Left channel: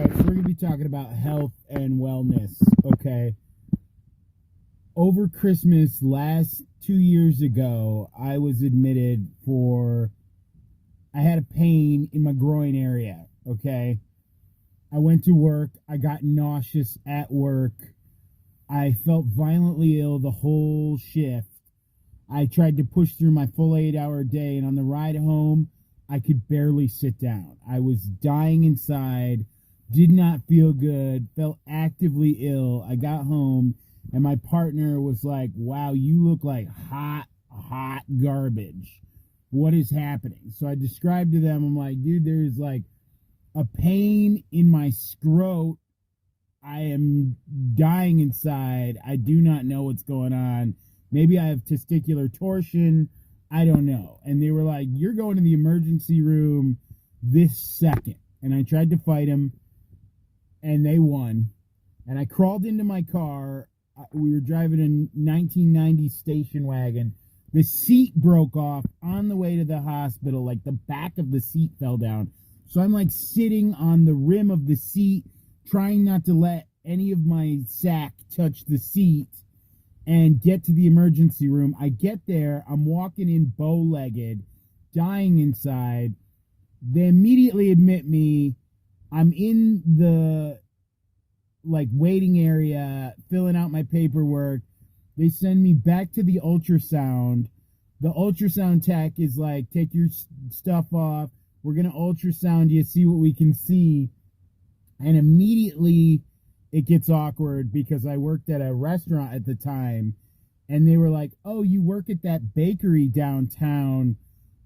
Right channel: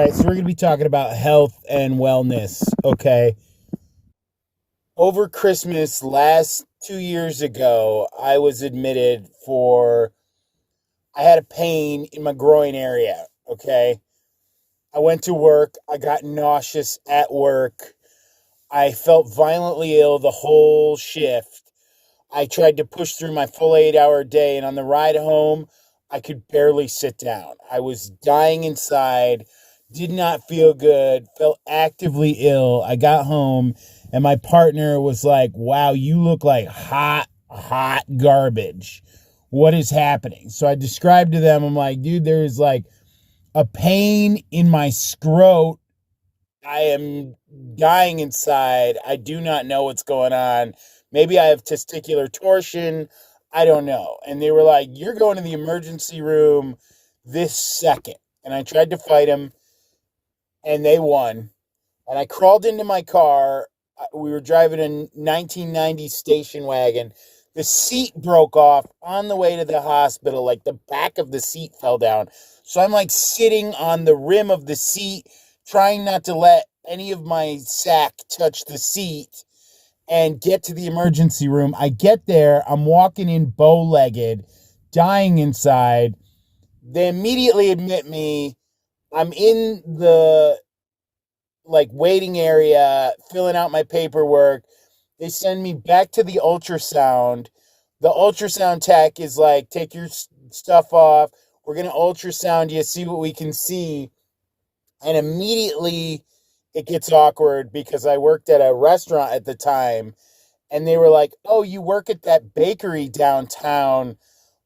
right, so we're going to be talking about health and wellness, okay? Over Christmas last 2 years ago, I was admitted I had a pain in my groin area, okay? I went to work, I got nauseous at work, I felt violently ill the whole shift. I tried to push through my full 8 hour day, and on the ride home, I could barely sit down. I was dying inside, did not feel good, felt actively ill. I got home, and my partner was like, "Wow, you look like hot garbage. What is happening?" So I described to them, I'm like, "Dude, there's like a pain in my scrot. I am dying inside. I do not know what's going on. Maybe I have testicular torsion. I don't know." And they were like, "You're going to the emergency room this second." And I tried to fight them, and they won. And I crawled into my car. We were driving a 1990 station wagon. The seat broke off on the way to the hospital. Like the back of the seat fell down. So I'm like sitting on the rim of the seat, trying not to let any of my sack touch the seat and get to the emergency room. I get there, I'm walking in bow-legged, dying inside. They immediately admit me. I'm in the waiting area, filling out my paperwork. They send me back to the ultrasound. The ultrasound tech is like, "Take your stuff off. We're going to ultrasound you, see what we can see." And immediately it gets awkward because I worked at a restaurant at the time, and they were like, "Oh, you work at that bakery downtown.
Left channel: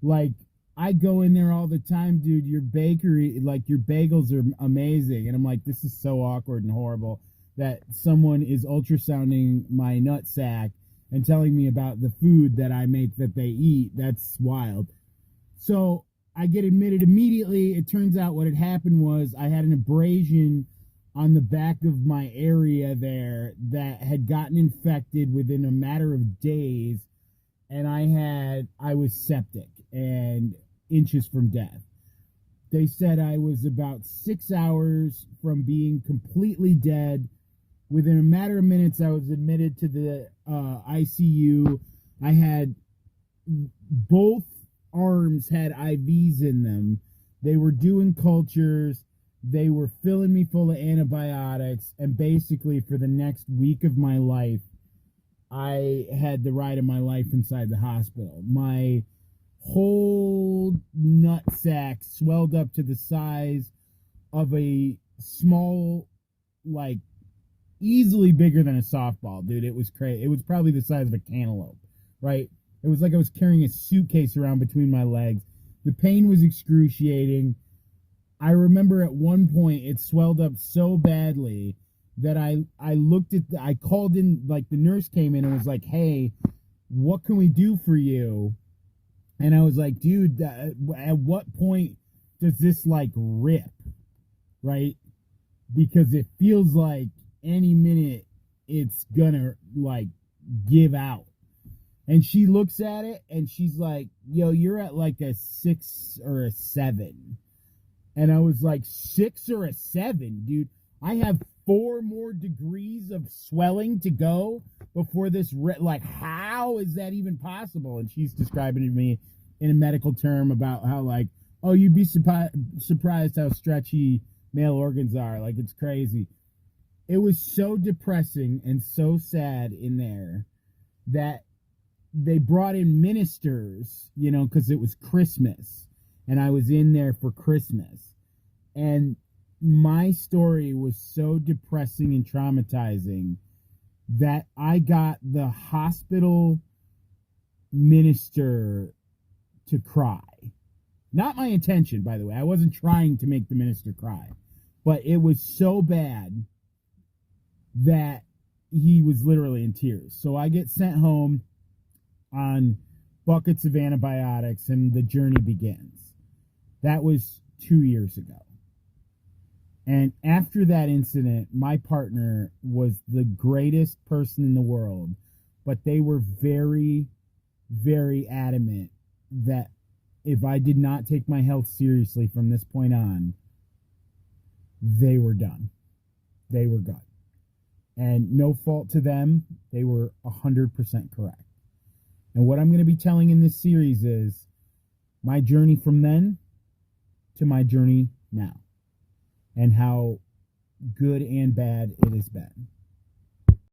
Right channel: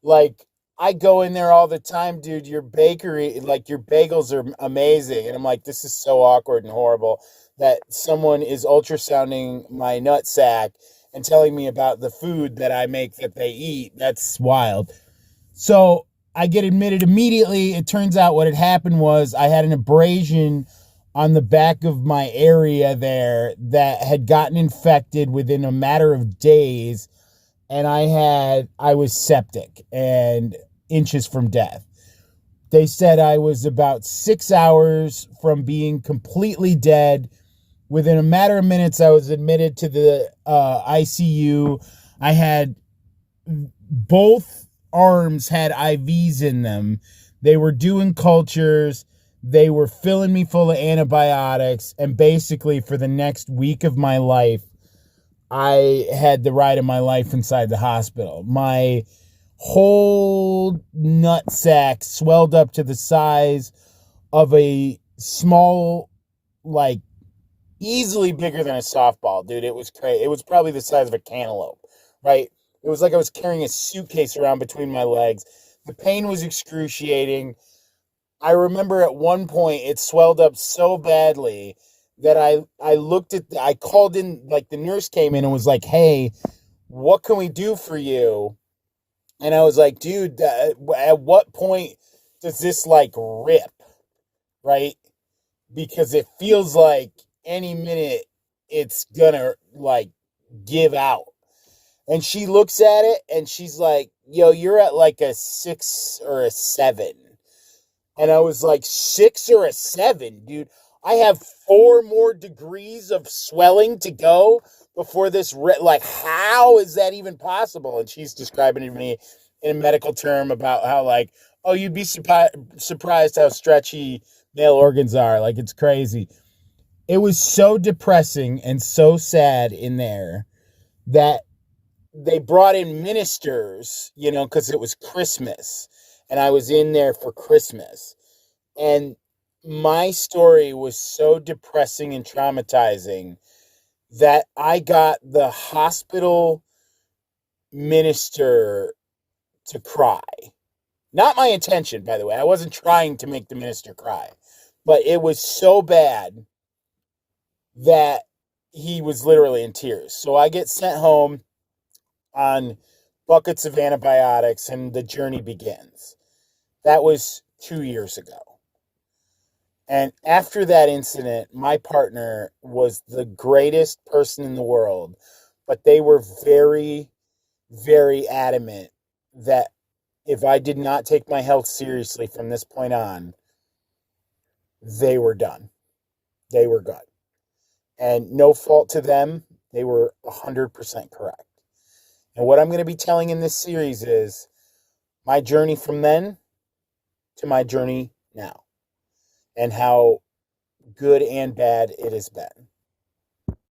Like, I go in there all the time, dude. Your bakery, like your bagels are amazing." And I'm like, this is so awkward and horrible that someone is ultrasounding my nut sack and telling me about the food that I make that they eat. That's wild. So I get admitted immediately. It turns out what had happened was I had an abrasion on the back of my area there that had gotten infected within a matter of days, and I was septic and inches from death. They said I was about 6 hours from being completely dead. Within a matter of minutes, I was admitted to the ICU. I had both arms had IVs in them. They were doing cultures. They were filling me full of antibiotics. And basically, for the next week of my life, I had the ride of my life inside the hospital. My whole nut sack swelled up to the size of a small, like, easily bigger than a softball, dude. It was crazy. It was probably the size of a cantaloupe, right? It was like I was carrying a suitcase around between my legs. The pain was excruciating. I remember at one point it swelled up so badly that I called in, like the nurse came in and was like, "Hey, what can we do for you?" And I was like, "Dude, at what point does this like rip?" Right? Because it feels like any minute it's gonna like give out. And she looks at it and she's like, "Yo, you're at like a 6 or a 7. And I was like, 6 or a 7, dude? I have 4 more degrees of swelling to go before this. Like, how is that even possible? And she's describing to me in a medical term about how, like, "Oh, you'd be surprised how stretchy male organs are. Like, it's crazy." It was so depressing and so sad in there that they brought in ministers, because it was Christmas. And I was in there for Christmas. And my story was so depressing and traumatizing that I got the hospital minister to cry. Not my intention, by the way. I wasn't trying to make the minister cry. But it was so bad that he was literally in tears. So I get sent home on buckets of antibiotics, and the journey begins. That was 2 years ago. And after that incident, my partner was the greatest person in the world, but they were very, very adamant that if I did not take my health seriously from this point on, they were done. They were good. And no fault to them, they were 100% correct. And what I'm going to be telling in this series is my journey from then to my journey now, and how good and bad it has been.